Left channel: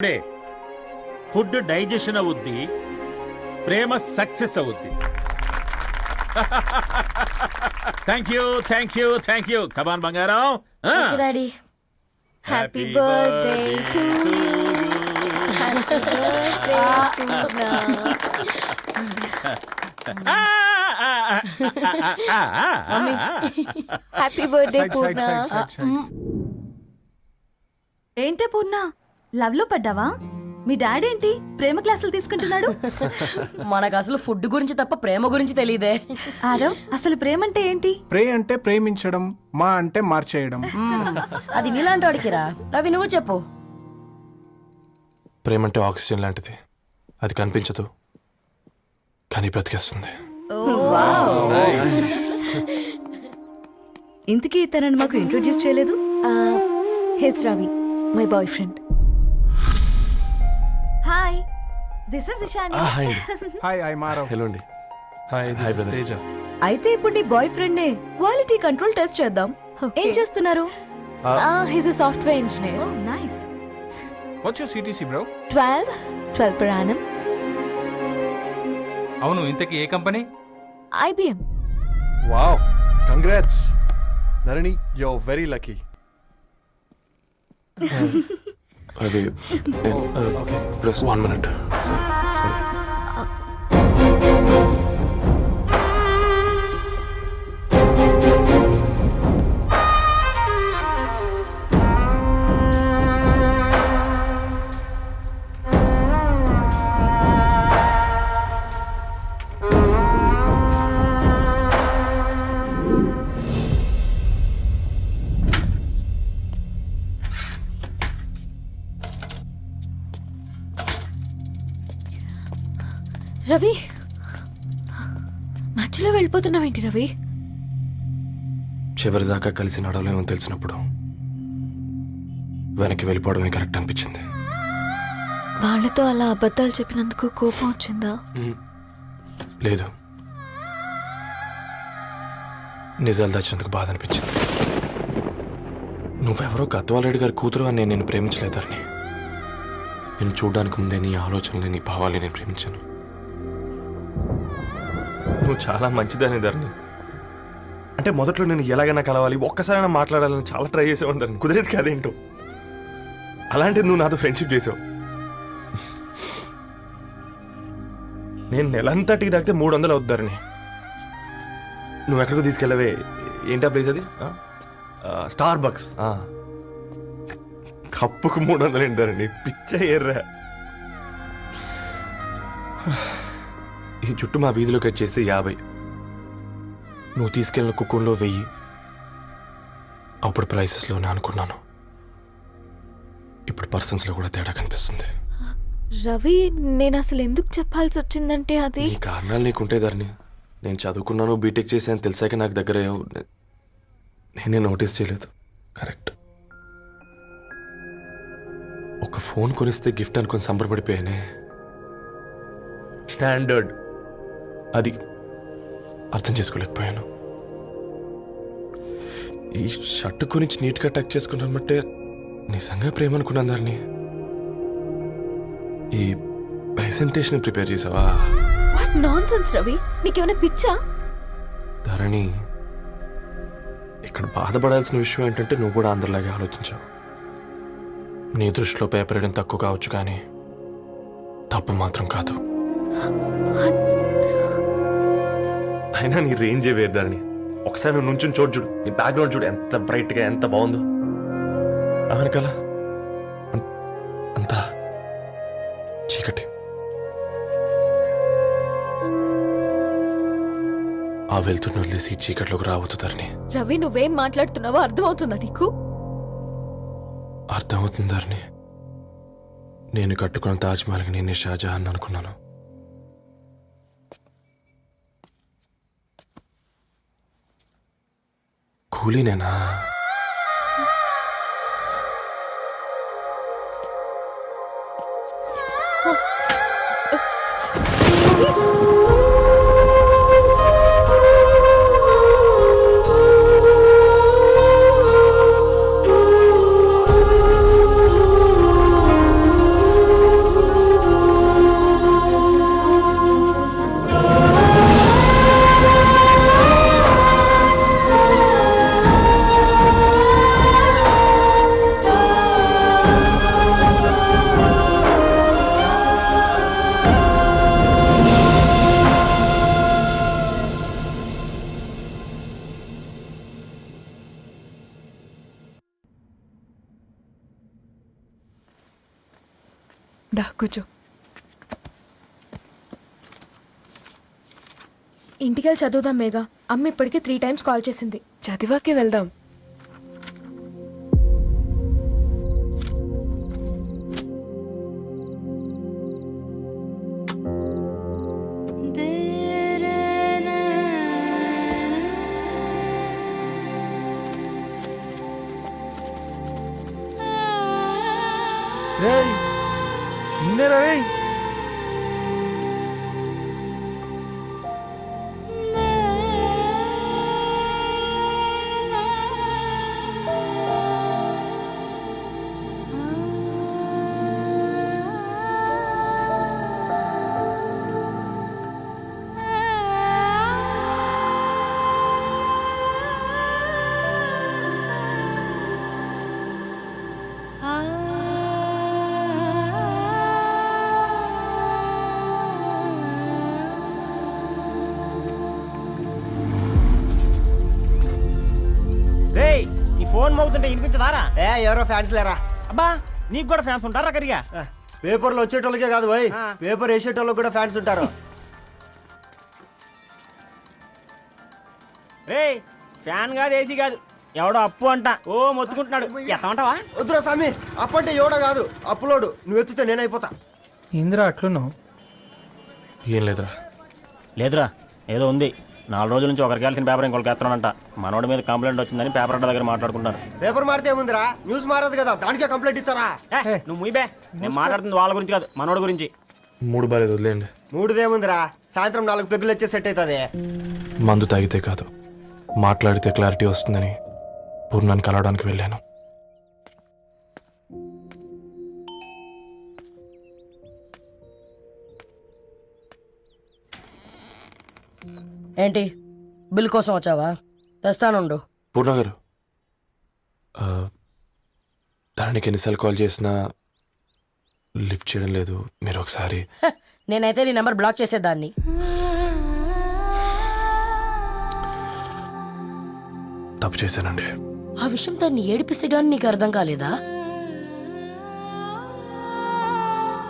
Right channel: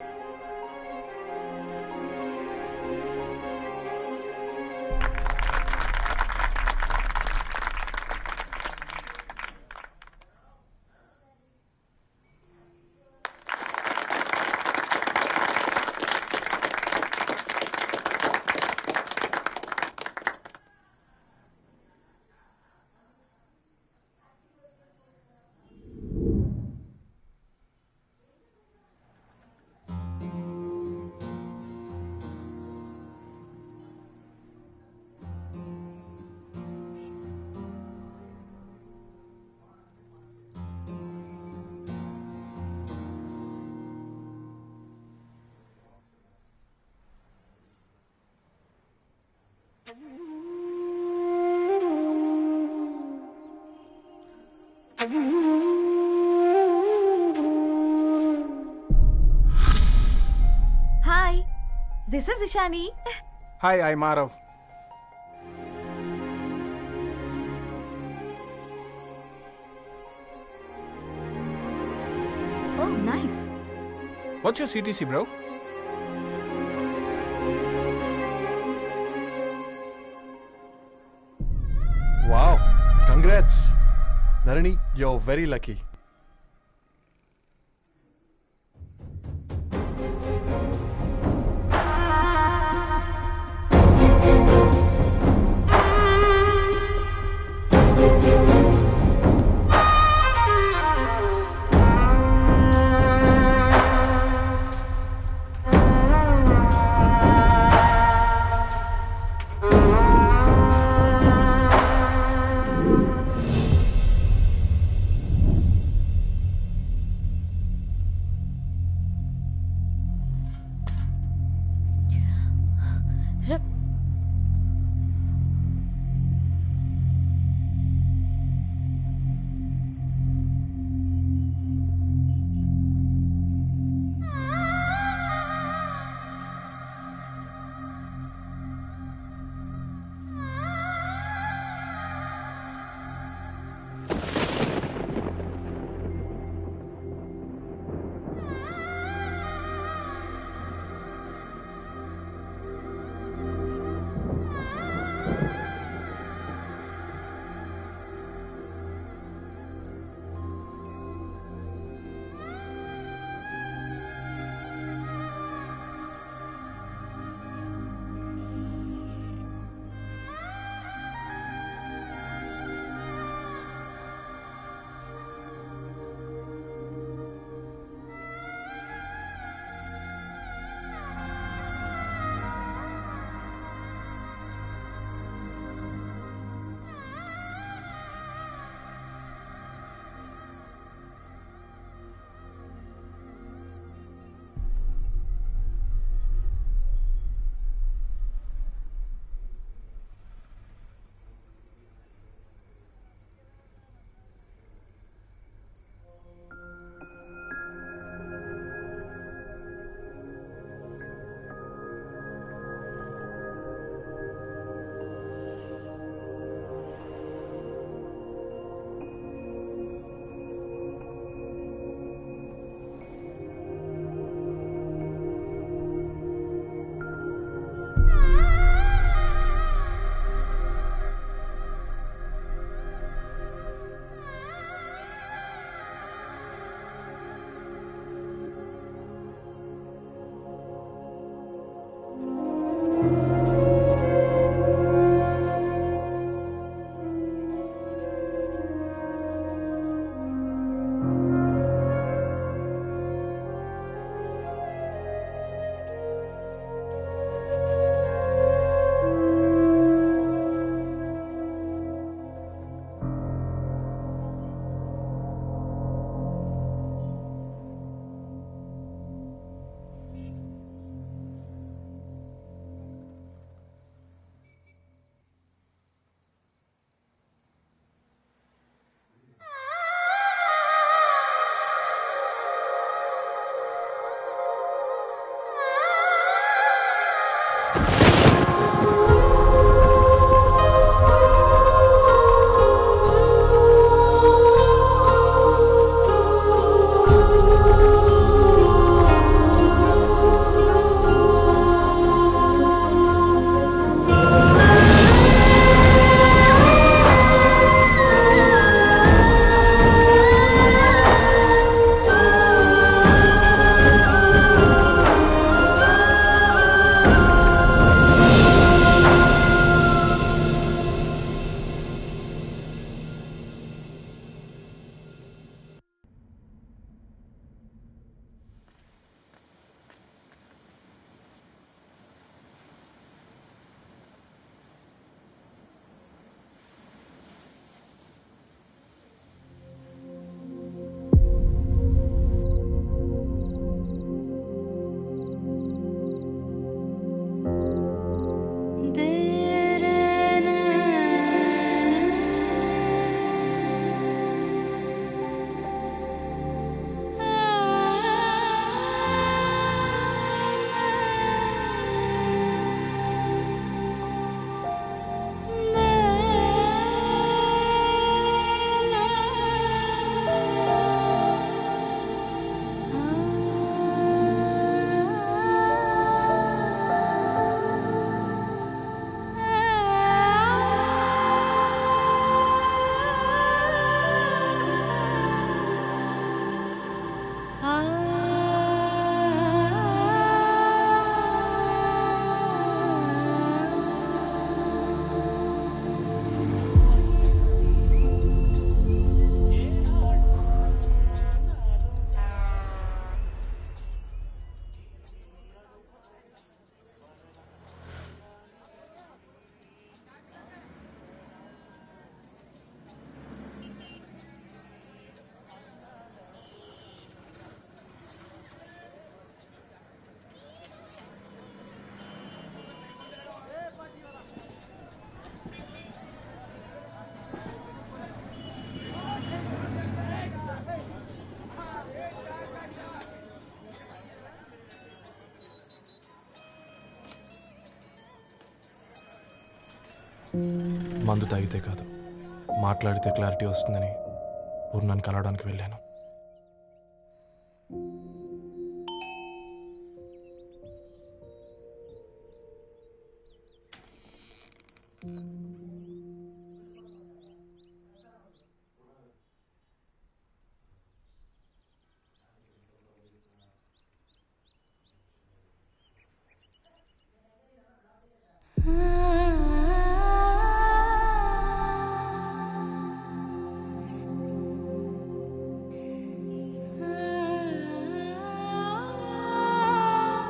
ఇప్పుడే food digestion అవుద్ది, ప్రేమ సక్సెస్ అవుద్ది. Thank you thank you thank you. Come on బంగారం. Daddy happy birthday to happy birthday Purna. ఏంటే పూర్ణ, లవ్ లో పడ్డావా? మీ డాడీ ఏంటి ప్రేమ క్లాసులు తీసుకుంటున్నాడు? మనకు అసలు ఫుడ్ గురించి తప్ప ప్రేమ గురించి తెలియదే. ఆరవ్, అసలు ప్రేమ అంటే ఏంటి? ప్రే అంటే ప్రేమించడం, మా అంటే మార్చేయడం. అది నీలాంటి వాడికిరా. రవి నువ్వు చెప్పు. ప్రేమ అంటే ఆక్సిజన్ లాంటిది. అది కనిపించదు కానీ బ్రతికేస్తుంది. ఇంతకీ తనని మాకు ఇంట్రొడ్యూస్ చేయలేదు. He's Ravi, my boyfriend. Hi, this is Ishani. Hi, I Marav. Hello అండి. హాయ్ తేజ. అయితే ఇప్పుడు నీ బాయ్ ఫ్రెండ్ నే క్వాలిటీ కంట్రోల్ టెస్ట్ చేద్దాం. ఏం చేస్తున్నారు? He's a software engineer. Oh nice. What's your CTC bro? 12 per annum. అవును, ఇంతకీ ఏ కంపెనీ? IBM. Wow, congrats Narani, you are very lucky. అది ప్లస్ 1 minute. రవి, మధ్యలో వెళ్ళిపోతున్నావేంటి రవి? చివరిదాకా కలిసి నడవలేమో తెలిసినప్పుడు వెనక్కి వెళ్ళిపోవడమే కరెక్ట్ అనిపించింది. వాళ్ళతో అలా అబద్ధాలు చెప్పినందుకు కోపం వచ్చిందా? లేదు, నిజాలు దాచినందుకు బాధ అనిపించింది. నువ్వెవరో గద్వాలరెడ్డి గారి కూతురు అని నేను ప్రేమించలేదని. నేను చూడడానికి ముందే నీ ఆలోచనలు, నీ భావాలు నేను ప్రేమించాను. నువ్వు చాలా మంచిదని ధరణి. అంటే మొదట్లో నేను ఎలాగైనా కలవాలి, ఒక్కసారైనా మాట్లాడాలని చాలా ట్రై చేసేవాడిని ధరణి. కుదిరేది కాదేంటో. అలాంటిది నువ్వు నాతో ఫ్రెండ్షిప్ చేసావు. నేను నెలంతటికి తాకితే 300 అవుతారని. నువ్వు ఎక్కడికి తీసుకెళ్ళవే? ఏంటా ప్లేస్ అది? Star bucks. కప్పుకు 300 ఏంటారండి, పిచ్చ ఎర్రా. ఈ చుట్టూ మా వీధిలో కట్ చేస్తే 50. నువ్వు తీసుకెళ్ళిన కుక్కర్లో 1000. అప్పుడు ప్రైసెస్లోనే అనుకున్నాను, ఇప్పుడు పర్సన్స్లో కూడా తేడా కనిపిస్తుంది. రవి, నేను అసలు ఎందుకు చెప్పాల్సి వచ్చిందంటే అది ఈ కారణాలు నీకుంటే ధరణి. నేను చదువుకున్నాను, బీటెక్ చేశాను తెలిసాక నాకు దగ్గర నేనే నోటీస్ చేయలేదు. కరెక్ట్. ఒక ఫోన్ కొనిస్తే గిఫ్ట్ అనుకుని సంబరపడిపోయానే. స్టాండర్డ్ అది అర్థం చేసుకోలేకపోయాను. ఈ షర్టు గురించి నీట్గా టచ్ చేసుకున్నామంటే నిజంగా ప్రేమ అనుకున్నాను దాన్ని. ఈ ప్రెజెంటేషన్ ప్రిపేర్ చేసావా? నాన్సెన్స్ రవి, నీకేమైనా పిచ్చా? ధరణి, ఇక్కడ బాధపడాల్సిన విషయం ఏంటంటే నువ్వు కూడా అందరిలాగే ఆలోచించావు. నీ దృష్టిలో పేపర్ వేయడం తక్కువ కావచ్చు కానీ తప్పు మాత్రం కాదు. అయినా నీ రేంజే వేరు ధరణి. ఒకసారి నువ్వు నుంచుని చూడు, నీ బ్యాక్గ్రౌండ్ చూడు ఎంత బ్రైట్గా, ఎంత బాగుందో. అమెరికాల అంతా చీకటి. ఆ వెళ్తున్న వదిలేసి చీకట్లోకి రావద్దు ధరణి. రవి, నువ్వేం మాట్లాడుతున్నావో అర్థమవుతుందా నీకు? అర్థమవుతుంది ధరణి. నేను కట్టుకున్న తాజ్మహల్కి నేనే షాజహాన్ అనుకున్నాను. కూలీనేనా? దా కూర్చో. ఇంటికెళ్ళి చదువుదాం మేఘా. అమ్మ ఇప్పటికే 3 times కాల్ చేసింది. చదివాకే వెళ్దాం. ఈ ఫోన్ మోగుతుంటే వినిపించదారా? ఎవరో ఫ్యాన్స్ లేరా? అబ్బా నీకు కూడా ఫ్యాన్స్ ఉంటారా కరిగా? పేపర్లు వచ్చేటోళ్ళకే కాదు పోయి, పేపర్ వేసేటోళ్ళకి కూడా ఫ్యాన్స్ ఉంటారు. రే ఫ్యాన్ కాదు, ఏసీ కాదు, ఎవడో అప్పు అంట ఓ మొత్తుకుంటున్నాడు. ఎత్తమంటావా? వద్దురా స్వామి, అప్పంటే ఎవడో కాదు అప్పులోడు. నువ్వు ఎత్తుతే నేనైపోతా. ఇందిరా అట్లున్నావు? ఏం లేదురా. లేదురా, ఏదో ఉంది. 4 రోజుల నుంచి ఒకరికి వెళ్ళిన పేపర్ ఇంకొకరికి ఎత్తనంట. మనోడి మీద కంప్లైంట్ వచ్చిందని పేపర్ అడ్డ దగ్గర మాట్లాడుకుంటాను. పేపర్ మారితే ఏముందిరా, న్యూస్ మారదు కదా, దానికే కంప్లైంట్ ఇచ్చారా? నువ్వు ముయ్యబే, నేను మాట్లాడుతుంది వాళ్ళ గురించి కాదు, మనోడి గురించి. మూడు బాలేదు, వదిలేండి. మూడుదేముందిరా, సాయంత్రం 4 పెగ్గులు వచ్చే సెట్ అవుతుంది. మందు తాగితే కాదు, మాట్లాడితే క్లారిటీ వస్తుందని పూర్ణాన్ని కలవడానికి వెళ్ళాను. ఏంటి బిల్ కోసం వచ్చావా? తెస్తానుండు. పూర్ణ గారు, తనకి ఎన్నిసార్లు కాల్ చేసినా లిఫ్ట్ చేయడం లేదు. మీరు ఒకసారి నేనైతే నీ నెంబర్ బ్లాక్ చేసేదాన్ని. తప్పు చేశానండి. ఆ విషయం దాన్ని ఏడిపిస్తే గానీ నీకు అర్థం కాలేదా?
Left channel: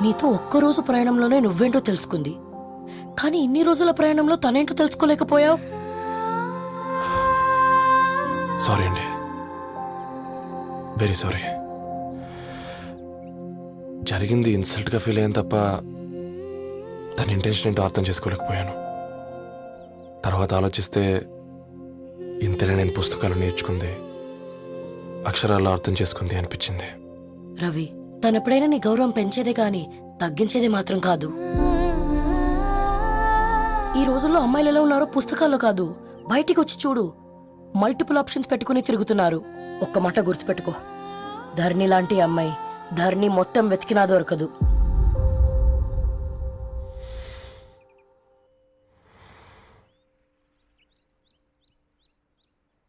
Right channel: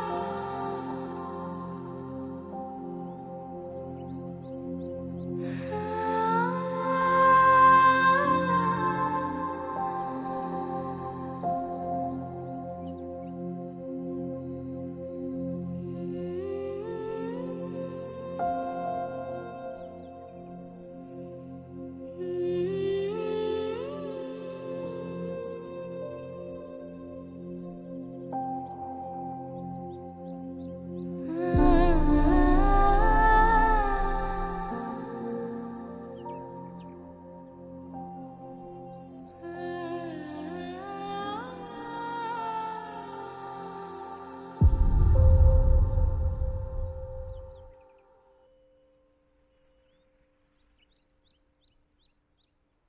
నీతో ఒక్కరోజు ప్రయాణంలోనే నువ్వేంటో తెలుసుకుంది, కానీ ఇన్ని రోజుల ప్రయాణంలో తనేంటో తెలుసుకోలేకపోయావు. సారీ అండి, వెరీ సారీ. జరిగింది ఇన్సల్ట్గా ఫీల్ అయ్యాను తప్ప తన ఇంటెన్షన్ ఏంటో అర్థం చేసుకోలేకపోయాను. తర్వాత ఆలోచిస్తే ఇంతనే నేను పుస్తకాలు నేర్చుకుంది, అక్షరాల్లో అర్థం చేసుకుంది అనిపించింది. రవి, తనెప్పుడైనా నీ గౌరవం పెంచేదే కానీ తగ్గించేదే మాత్రం కాదు. ఈ రోజుల్లో అమ్మాయిలు ఎలా ఉన్నారో పుస్తకాల్లో కాదు, బయటికి వచ్చి చూడు. మల్టిపుల్ ఆప్షన్స్ పెట్టుకుని తిరుగుతున్నారు. ఒక్క మాట గుర్తుపెట్టుకో, ధరణి లాంటి అమ్మాయి ధరణి మొత్తం వెతికినా దొరకదు.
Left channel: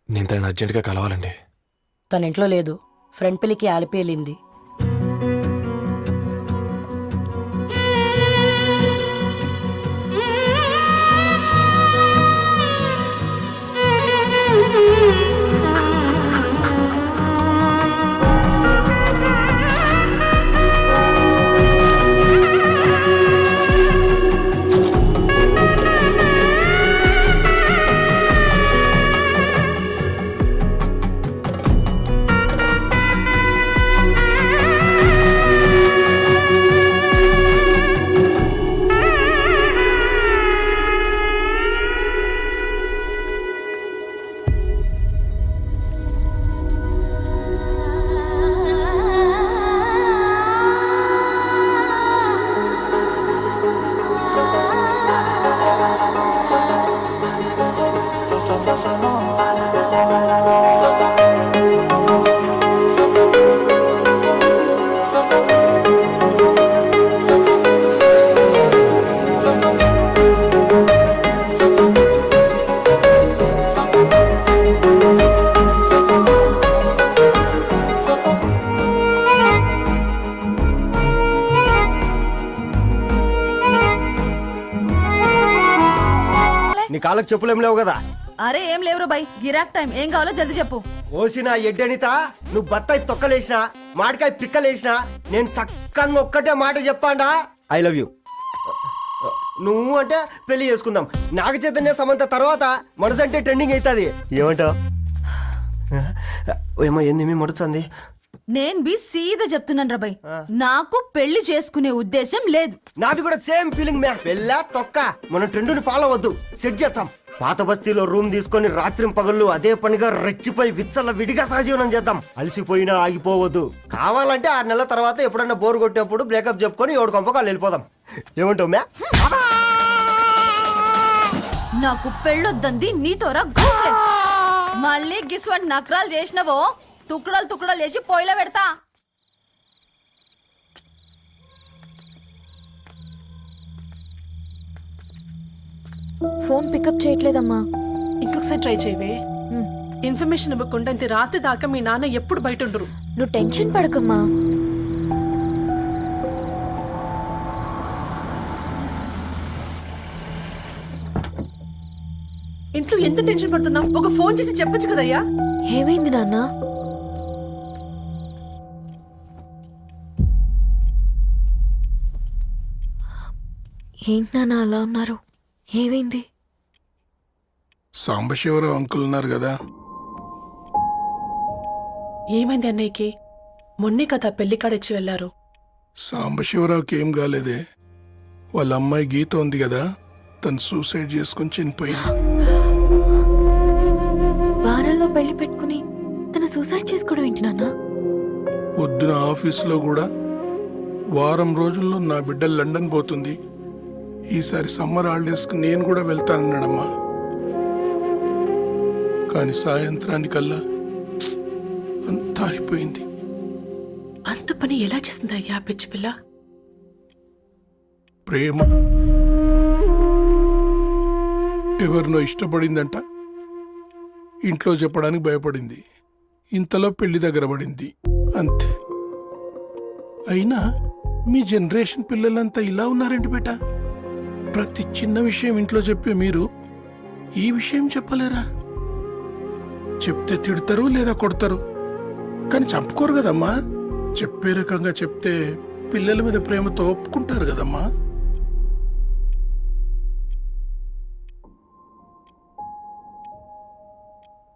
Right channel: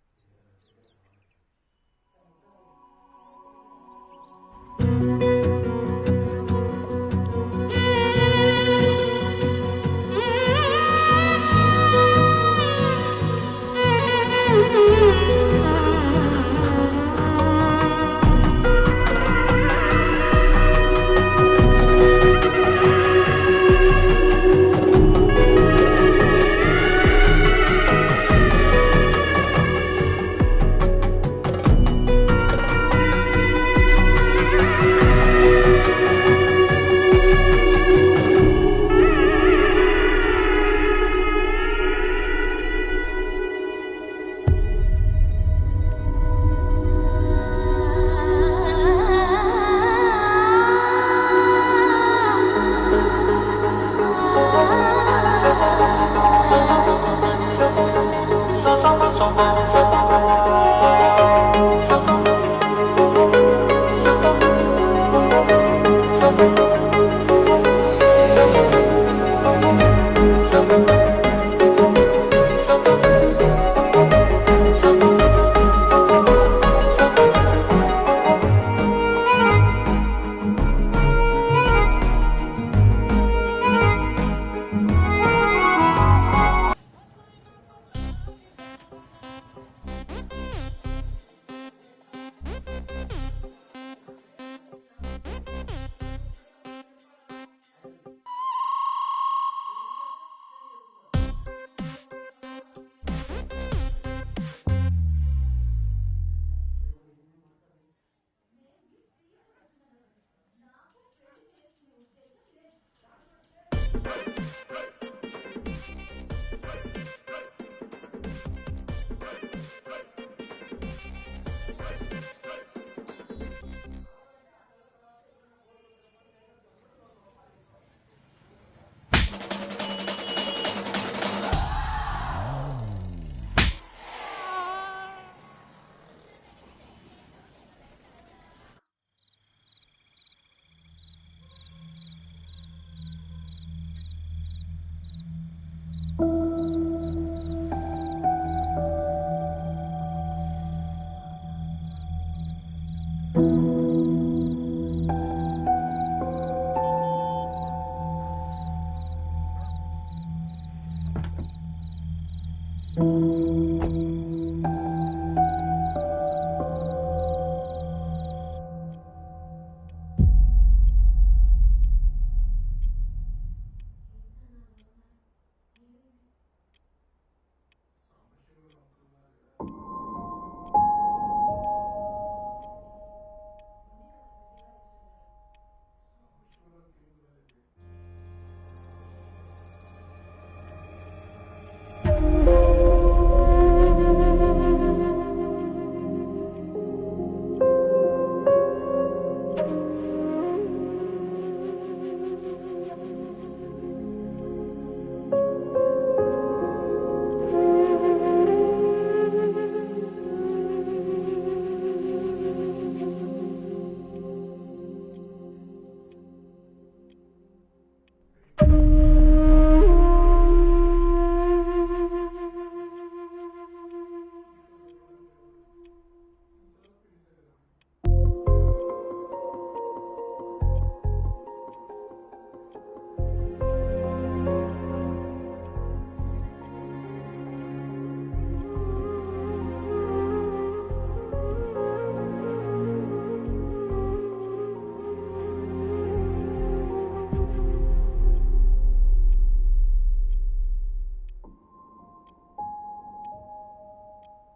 నేను తనని అర్జెంటుగా కలవాలండి. తన ఇంట్లో లేదు, ఫ్రెండ్ పెళ్లికి ఆలిపేలింది. నీ కాళ్ళకి చెప్పులు ఏం లేవు కదా? అరే ఏం లేవురా బై, గిరాక్ టైం. ఏం కావాలో జల్దీ చెప్పు. ఓసిన ఎడ్డనిత నువ్వు బత్తాయి తొక్కలేసినా మాడికాయ పిక్కలేసినా నేను సక్కగా ఒక్కటే మాట చెప్పాడా ఐ లవ్ యూ. నువ్వు అంటే పెళ్లి చేసుకుందాం. నాగ చైతన్య సమంత తర్వాత మనసంటే ట్రెండింగ్ అవుతుంది. ఏమంటావు? ఏమో ఏంది మడుతుంది. నేను బి సీదా చెప్తున్నాను రాబాయ్, నాకు పెళ్లి చేసుకునే ఉద్దేశం లేదు. నాది కూడా సేమ్ ఫీలింగ్ మ్యామ్. పెళ్ళా తొక్క మనం ట్రెండ్ని ఫాలో అవ్వద్దు, సెట్ చేద్దాం. పాత బస్తీలో రూమ్ తీసుకొని రాత్రి పగళ్ళు అదే పనిగా రెచ్చిపోయి విచ్చల విడిగా సహజీవనం చేద్దాం. అలసిపోయినా ఆగిపోవద్దు. కావాలంటే 6 నెలల తర్వాత ఎప్పుడన్నా బోర్ కొట్టేప్పుడు బ్రేకప్ చెప్పుకొని ఎవడు కొంపకాలు వెళ్ళిపోదాం. ఏమంటావు మ్యా? నాకు పెళ్ళొద్దంది నీతోరా గోకే. మళ్ళీ గిస్వాడి నకరాలు చేసినవో తుక్కడలు తుక్కడలు చేసి పొయ్యిలో పెడతా. ఫోన్ పికప్ చేయట్లేదమ్మా. ఇంకొకసారి ట్రై చేయవే. ఇన్ఫర్మేషన్ ఇవ్వకుండా ఇంత రాత్రి దాకా మీ నాన్న ఎప్పుడు బయట ఉండరు. నువ్వు టెన్షన్ పడకమ్మా. ఇంట్లో ఎంత టెన్షన్ పడుతున్నావు? ఒక ఫోన్ చేసి చెప్పొచ్చు కదయ్యా. ఏమైంది నాన్న? ఏంటి నాన్న అలా ఉన్నారు? ఏమైంది? సాంబశివరావు అంకుల్ ఉన్నారు కదా, ఏమైంది అన్నయ్యకి? మొన్నే కదా పెళ్లి కాడొచ్చి వెళ్ళారు. సాంబశివరావుకి ఏం కాలేదే. వాళ్ళ అమ్మాయి గీత ఉంది కదా, తను సూసైడ్ చేసుకుని చనిపోయింది. వారాల్లో పెళ్లి పెట్టుకుని తన సూసైడ్ చేసుకోవడం ఏంటి నాన్న? పొద్దున ఆఫీస్లో కూడా వారం రోజుల్లో నా బిడ్డ లండన్ పోతుంది, ఈసారి సమ్మర్ హాలిడేస్కి నేను కూడా వెళ్తానన్నాడమ్మా. కానీ సాయంత్రానికల్లా అంతా అయిపోయింది. అంత పని ఎలా చేస్తుంది అయ్యా పిచ్చి పిల్ల? ప్రేమ ఎవరినో ఇష్టపడిందంట, ఇంట్లో చెప్పడానికి భయపడింది. ఇంతలో పెళ్లి దగ్గర పడింది, అంతే. అయినా మీ జనరేషన్ పిల్లలంతా ఇలా ఉన్నారేంటి బేట? ప్రతి చిన్న విషయం ఇంట్లో చెప్పే మీరు ఈ విషయం చెప్పలేరా? చెప్తే తిడతారు లేదా కొడతారు, కానీ చెప్పుకోరు కదమ్మా. చెప్పే రకంగా చెప్తే పిల్లల మీద ప్రేమతో ఒప్పుకుంటారు కదమ్మా.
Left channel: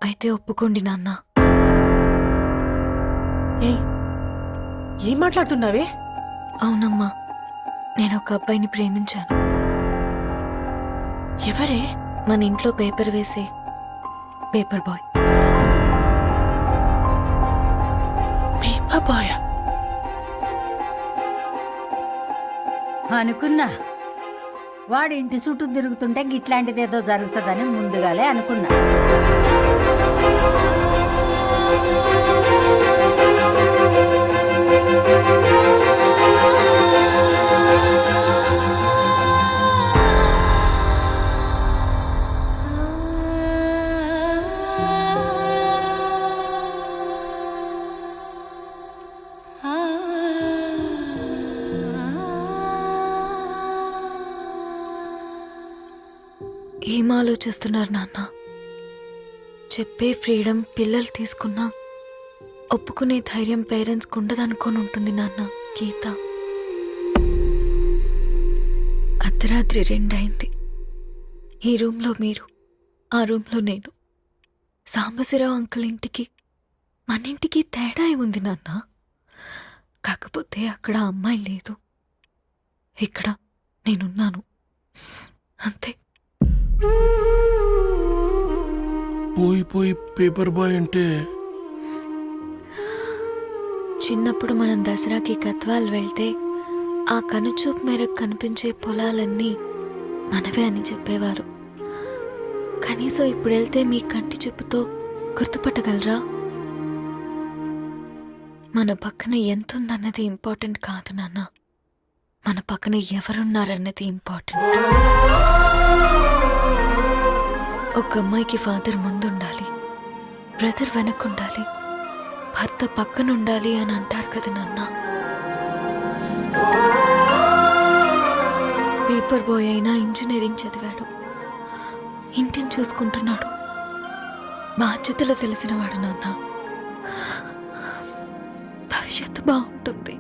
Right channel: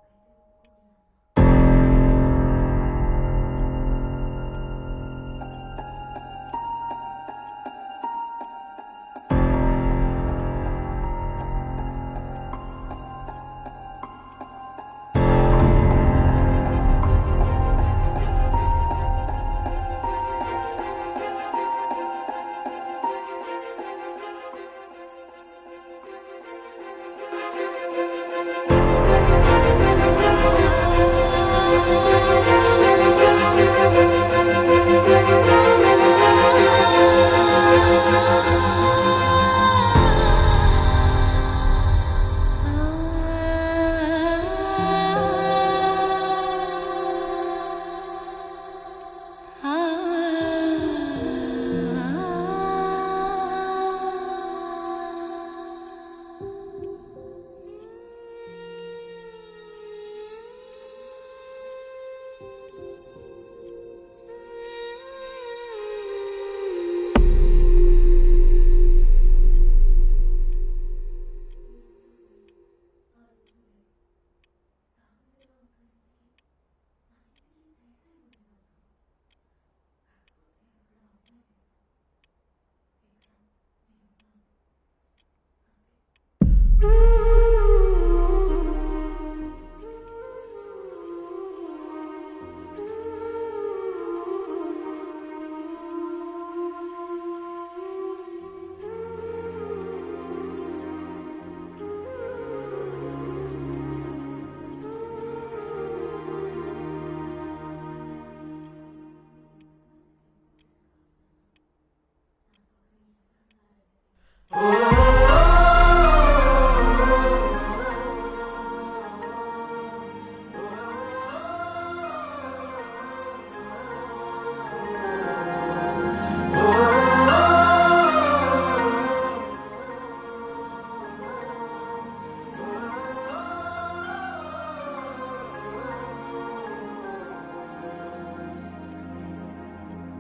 అయితే ఒప్పుకోండి నాన్న. ఏం మాట్లాడుతున్నావే? అవునమ్మా, నేను ఒక అబ్బాయిని ప్రేమించాను. ఎవరే? మన ఇంట్లో పేపర్ వేసే పేపర్ బాయ్. పేపర్ బాయ్ అనుకున్నా వాడి ఇంటి చుట్టూ తిరుగుతుంటే గిట్లాంటిదేదో జరుగుతుందని ముందుగాలే అనుకున్నా. ఏం ఆలోచిస్తున్నారు నాన్న? చెప్పే ఫ్రీడమ్ పిల్లలు తీసుకున్నా ఒప్పుకునే ధైర్యం పేరెంట్స్కి ఉండదనుకొని ఉంటుంది నాన్న. గీత అర్ధరాత్రి 2 అయింది. ఈ రూమ్లో మీరు, ఆ రూమ్లో నేను. సాంబశివరావు అంకుల్ ఇంటికి మన ఇంటికి తేడా ఉంది నాన్న. కాకపోతే అక్కడ అమ్మాయి లేదు, ఇక్కడ నేనున్నాను, అంతే. పోయి పేపర్ బాయ్ అంటే చిన్నప్పుడు మనం దసరాకి గద్వాల్ వెళ్తే ఆ కనుచూపు మేరకు కనిపించే పొలాలన్నీ మనవే అని చెప్పేవారు. కనీసం ఇప్పుడు వెళ్తే మీ కంటి చూపుతో గుర్తుపట్టగలరా? మన పక్కన ఎంత ఉందన్నది ఇంపార్టెంట్ కాదు నాన్న, మన పక్కన ఎవరున్నారన్నది ఇంపార్టెంట్. ఒక అమ్మాయికి ఫాదర్ ముందుండాలి, బ్రదర్ వెనకుండాలి, భర్త పక్కన ఉండాలి అని అంటారు కదా నాన్న. పేపర్ బాయ్ అయినా ఇంజనీరింగ్ చదివాడు, ఇంటిని చూసుకుంటున్నాడు, బాగా బాధ్యతలు తెలిసినవాడు నాన్న. భవిష్యత్తు బాగుంటుంది.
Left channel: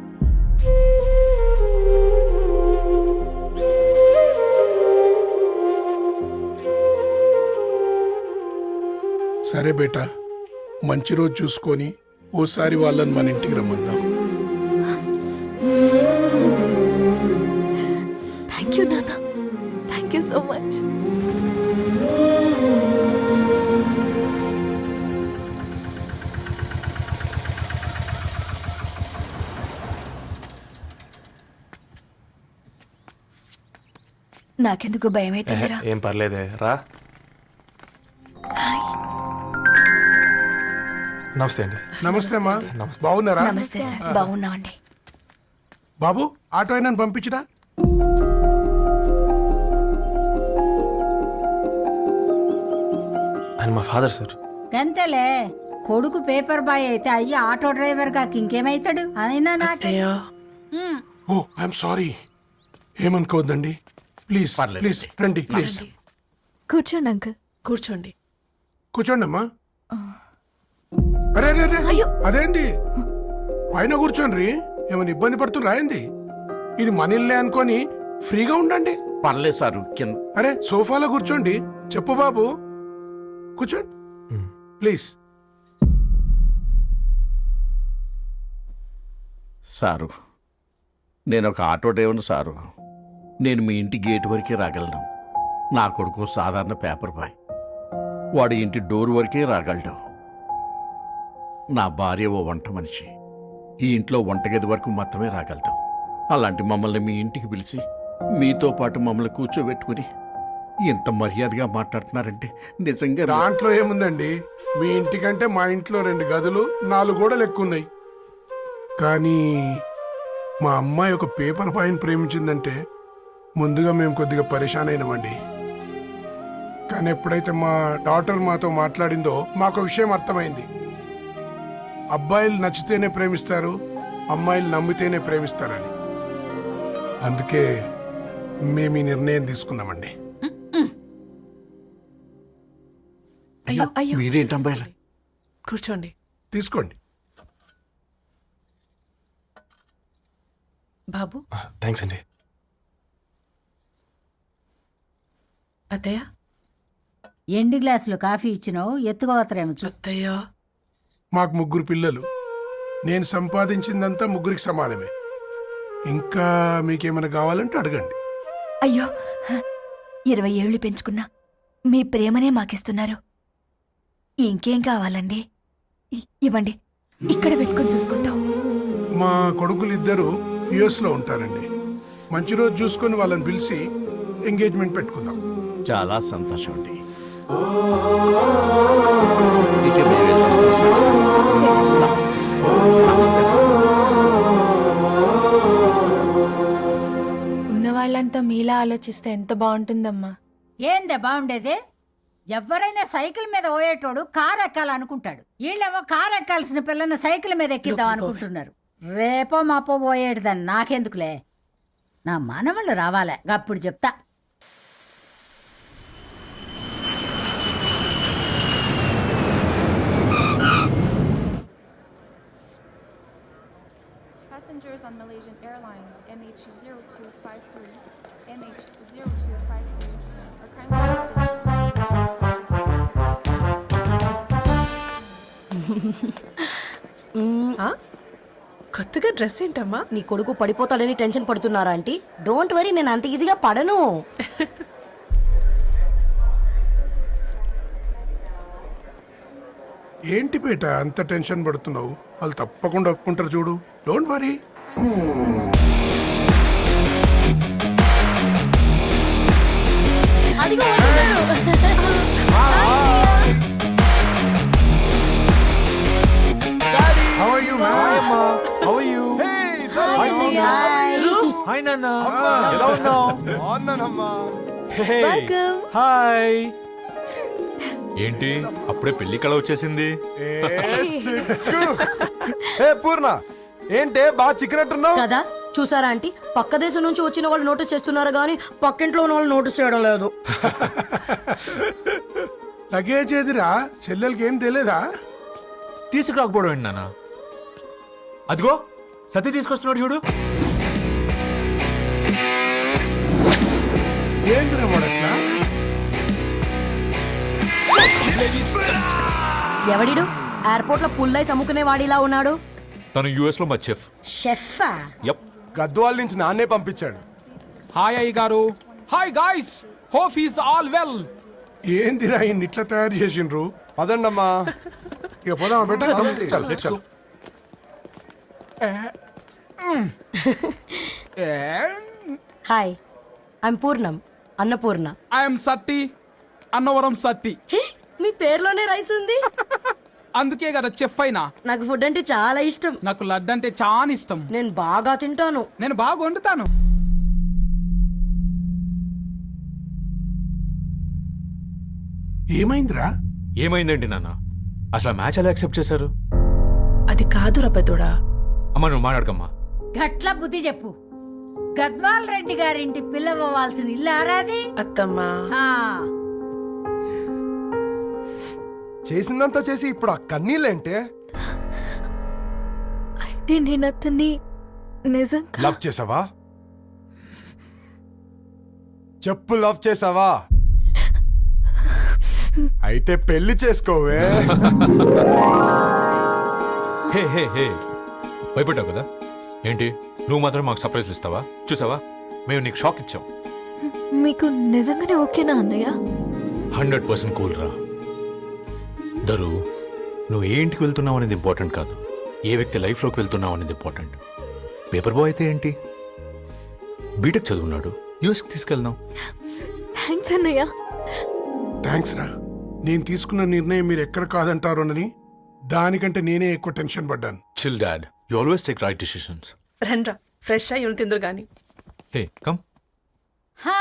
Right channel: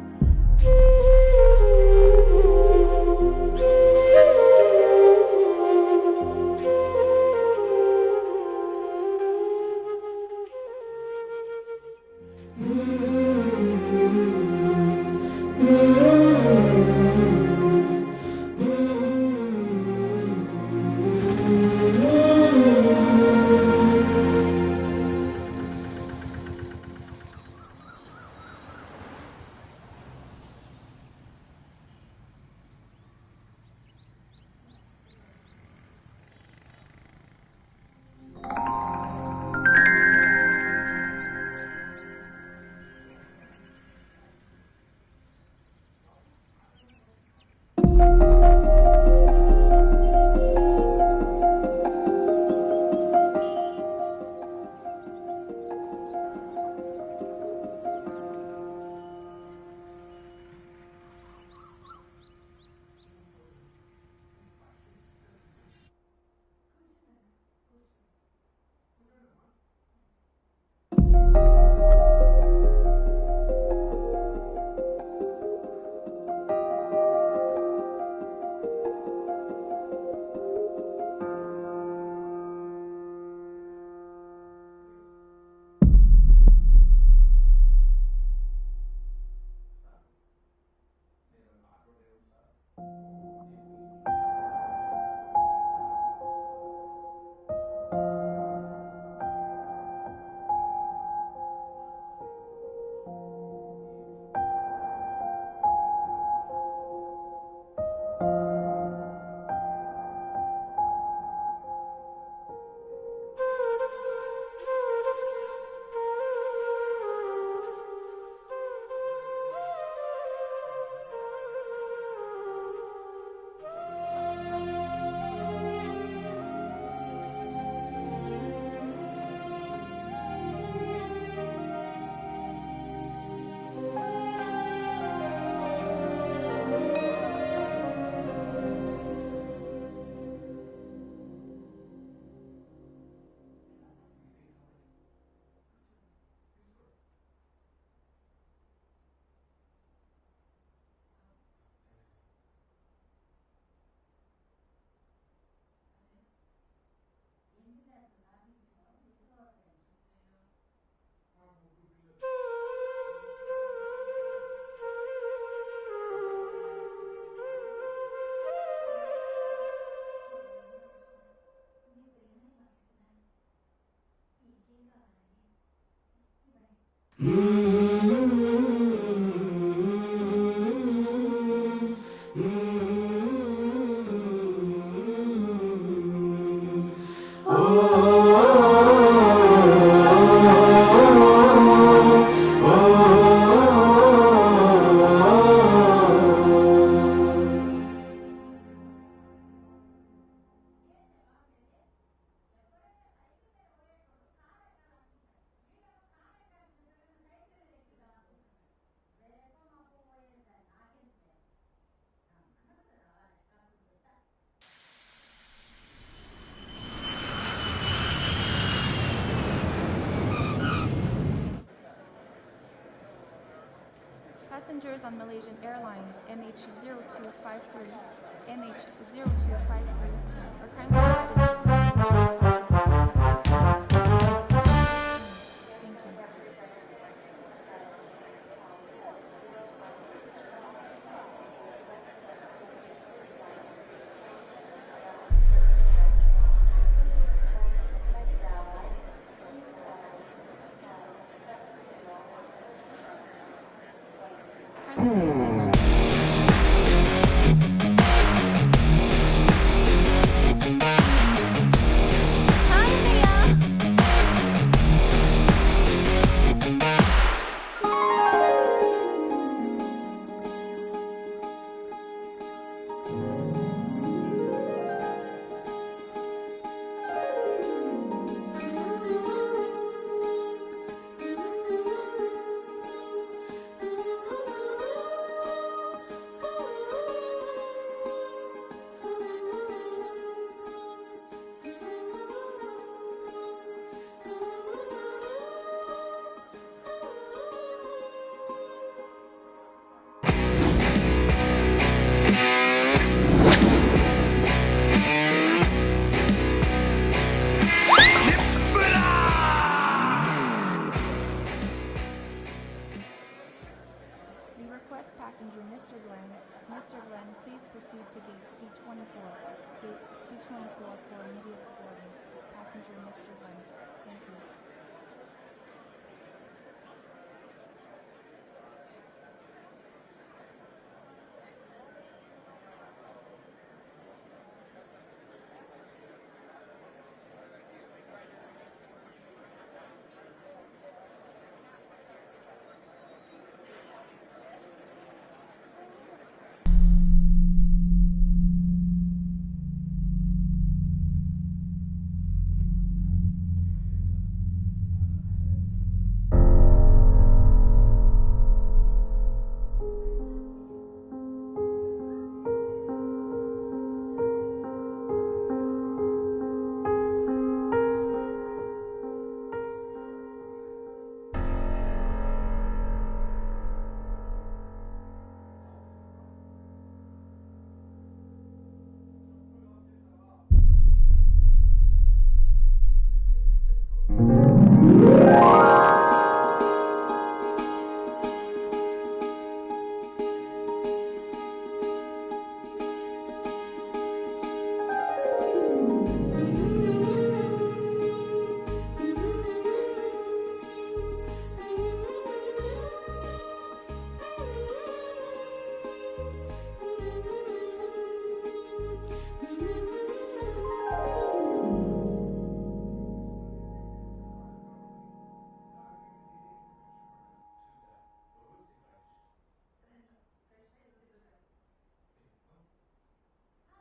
సరే బేటా, మంచి రోజు చూసుకొని ఓసారి వాళ్ళని మన ఇంటికి రమ్మందాం. థ్యాంక్ యూ నాన్న, థ్యాంక్ యూ సో మచ్. నాకెందుకు భయం అవుతుందిరా. ఏం పర్లేదే, రా. నమస్తే అండి. నమస్తే అమ్మా, బాగున్నారా? నమస్తే సార్, బాగున్నామండి. బాబు, ఆటో అయినా పంపించరా? ఆయన మా ఫాదర్ సార్. గంతేలే, కొడుకు పేపర్ బాయ్ అయితే అయ్యి ఆటో డ్రైవర్ కాక ఇంకేమైతాడు? అయినా నాకు అత్తయ్య ఓ ఐఎమ్ సారీ, ఏమనుకోవద్దండి. ప్లీజ్ ప్లీజ్ రండి, ప్లీజ్ కూర్చోండి అంకుల్. కూర్చోండి. కూర్చోండి అమ్మా. అరే అరే అరే, అదేంది పైన కూర్చోండి, ఏమైనా ఇబ్బంది పడుతున్నా ఏంది? ఇది మన ఇల్లే అనుకొని ఫ్రీగా ఉండండి. పర్లేదు సార్. అరే సోఫాలో కూర్చోండి. చెప్పు బాబు, కూర్చోండి ప్లీజ్. సారు, నేను ఒక ఆటో డ్రైవర్ని సారు. నేను మీ ఇంటి గేట్ వరకే రాగలను. నా కొడుకు సాధారణ పేపర్ బాయ్, వాడి ఇంటి డోర్ వరకే రాగలడు. నా భార్య ఓ వంట మనిషి, ఈ ఇంట్లో వంటగది వరకు మాత్రమే రాగలుగుతాం. అలాంటి మమ్మల్ని మీ ఇంటికి పిలిచి మీతో పాటు మమ్మల్ని కూర్చోబెట్టుకుని ఇంత మర్యాదగా మాట్లాడుతున్నారంటే నిజంగా దాంట్లో ఏముందండి, మీ ఇంటికంటే మా ఇంట్లో 2 గదులు 4 గోడలు ఎక్కువ ఉన్నాయి. కానీ మా అమ్మాయి ఒక పేపర్ బాయ్ని ప్రేమించిందంటే ముందుగా మేము కొద్దిగా పరేషాన్ అయినామండి. కానీ ఎప్పుడైతే మా డాటర్ మాతో మాట్లాడిందో మాకు విషయం అర్థమైంది. అబ్బాయిలు నచ్చితేనే ప్రేమిస్తారు, అమ్మాయిలు నమ్మితేనే ప్రేమిస్తారని. అందుకే మేము ఈ నిర్ణయం తీసుకున్నామండి. అయ్యో అయ్యో. మీరేంటి అమ్మాయిలు? కూర్చోండి. తీసుకోండి. బాబు. థ్యాంక్స్ అండి. అత్తయ్య. ఎండి గ్లాసులో కాఫీ ఇచ్చినావు, ఎత్తుకోవతరేమో చూ. అత్తయ్య. మాకు 3 పిల్లలు. నేను సంపాదించిందంతా 3కి సమానమే. ఇంకా మీకేమైనా కావాలంటే అడగండి. అయ్యో, 20 ఏళ్ళు పెంచుకున్నా మీ ప్రేమనే మాకిస్తున్నారు. ఇంకేం కావాలండి? ఇవ్వండి, ఇక్కడ పెట్టుకొని చూసుకుంటాం. మా కొడుకులిద్దరూ యుఎస్లో ఉంటారండి. మంచి రోజు చూసుకొని వాళ్ళని పిలిచి ఎంగేజ్మెంట్ పెట్టుకుందాం. చాలా సంతోషం అండి. ఉన్న వాళ్ళంతా మీలా ఆలోచిస్తే ఎంత బాగుంటుందమ్మా. ఏందే బాగుండేది? ఎవరైనా సైకిల్ మీద పోయేటోడు కారు ఎక్కాలనుకుంటాడు. వీళ్ళేమో కారు ఎక్కాల్సిన పిల్లని సైకిల్ మీద ఎక్కిద్దాం అనుకుంటున్నారు. రేపో మాపో పోయేటిదని నాకెందుకులే, నా మనవాళ్ళు రావాలే, అప్పుడు చెప్తా. Passengers on Malaysian Airlines MH0253, MH0253 are kindly కొత్తగా డ్రెస్ ఏంటమ్మా? నీ కొడుకు పడిపోతాడని టెన్షన్ పడుతున్నారా ఆంటీ? డోంట్ వరీ, నేను అంత ఈజీగా పడను. ఏంటి పేట అంత టెన్షన్ పడుతున్నావు? వాళ్ళు తప్పకుండా ఒప్పుకుంటారు చూడు. Don't worry. హాయ్. ఏంటి అప్పుడే పెళ్లి కళ వచ్చేసింది? పూర్ణ ఏంటే బాగా చిక్కినట్టున్నావు కదా, చూసారా ఆంటీ? పక్క దేశం నుంచి వచ్చిన వాళ్ళు నోటీస్ చేస్తున్నారు కానీ పక్కింట్లో ఉన్న వాళ్ళు నోటీస్ చేయడం లేదు. లగేజ్ ఏదిరా చెల్లెలకి ఏం తెలియదా? తీసుకురాకపోవడం ఏంటి నాన్న? అదిగో సతీ తీసుకొస్తున్నాడు చూడు. ఏందిరా వాడట్లా? ఎవడిడు ఎయిర్పోర్ట్ లో పుల్లై అమ్ముకునే వాడిలా ఉన్నాడు. తను యుఎస్ లో మా చెఫ్. షెఫా? యప్. గద్వాల నుంచి నాన్నే పంపించాడు. హాయ్ అయ్య గారు. Hi guys, hope is all well. ఏందిరా ఇన్ని ఇట్లా తయారు చేసిండ్రు? పదండమ్మా. ఇక పోదామా బెట్ట? చల్, చల్. హాయ్, ఐమ్ పూర్ణం, అన్నపూర్ణ. ఐఎమ్ సత్తి, అన్నవరం సత్తి. మీ పేరులోనే రైస్ ఉంది. అందుకే కదా చెఫ్ అయినా. నాకు ఫుడ్ అంటే చాలా ఇష్టం. నాకు లడ్డు అంటే చాలా ఇష్టం. నేను బాగా తింటాను. నేను బాగా వండుతాను. ఏమైందిరా? ఏమైందండి నాన్న? అసలు ఆ మ్యాచ్ ఎలా యాక్సెప్ట్ చేశారు? అది కాదు రబ్బతోడా. అమ్మ నువ్వు మాట్లాడకమ్మా. గట్ల బుద్ధి చెప్పు. గద్వాల్ రెడ్డి గారింటి పిల్లవ్వాల్సిన ఇల్లు ఆరాది. అత్తమ్మా, ఆ, చేసిందంతా చేసి ఇప్పుడు ఆ కన్నీళ్ళేంటే? అంటే నేను అతన్ని నిజంగా లవ్ చేసావా? చెప్పు, లవ్ చేసావా? అయితే పెళ్లి చేసుకోవే. హే హే హే, భయపడ్డావు కదా? ఏంటి నువ్వు మాత్రం మాకు సర్ప్రైజ్ ఇస్తావా? చూసావా, మేము నీకు షాక్ ఇచ్చాం. మీకు నిజంగానే ఓకేనా అన్నయ్య? 100% కూల్ రా. దరు, నువ్వు ఏ ఇంటికి వెళ్తున్నావు అనేది ఇంపార్టెంట్ కాదు, ఏ వ్యక్తి లైఫ్లోకి వెళ్తున్నావు అనేది ఇంపార్టెంట్. పేపర్ బాయ్ అయితే ఏంటి, బీటెక్ చదువున్నాడు, యూఎస్కి తీసుకెళ్దాం. థ్యాంక్స్ అన్నయ్య. థ్యాంక్స్ రా. నేను తీసుకున్న నిర్ణయం మీరు ఎక్కడ కాదంటారోనని దానికంటే నేనే ఎక్కువ టెన్షన్ పడ్డాను. Chill dad, you always take right decisions. రండ్రా, ఫ్రెష్ అయ్యి ఉండి తిందురు గాని. Hey come. హా,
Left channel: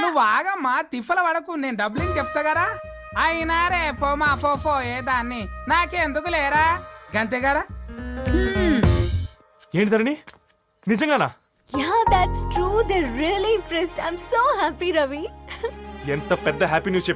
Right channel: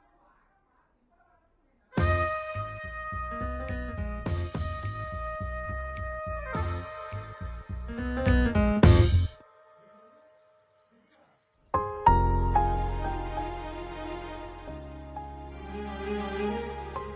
నువ్వు ఆగమ్మా, తిప్పల పడకు. నేను డబ్బులు చెప్తా కదా. అయినా రే ఫో మా ఫో ఏ దాన్ని నాకెందుకు లేరా గంతే కదా. ఏంటి ధరణి, నిజంగానా? Yeah, that's true. They're really impressed. I'm so happy, Ravi. ఎంత పెద్ద హ్యాపీ న్యూస్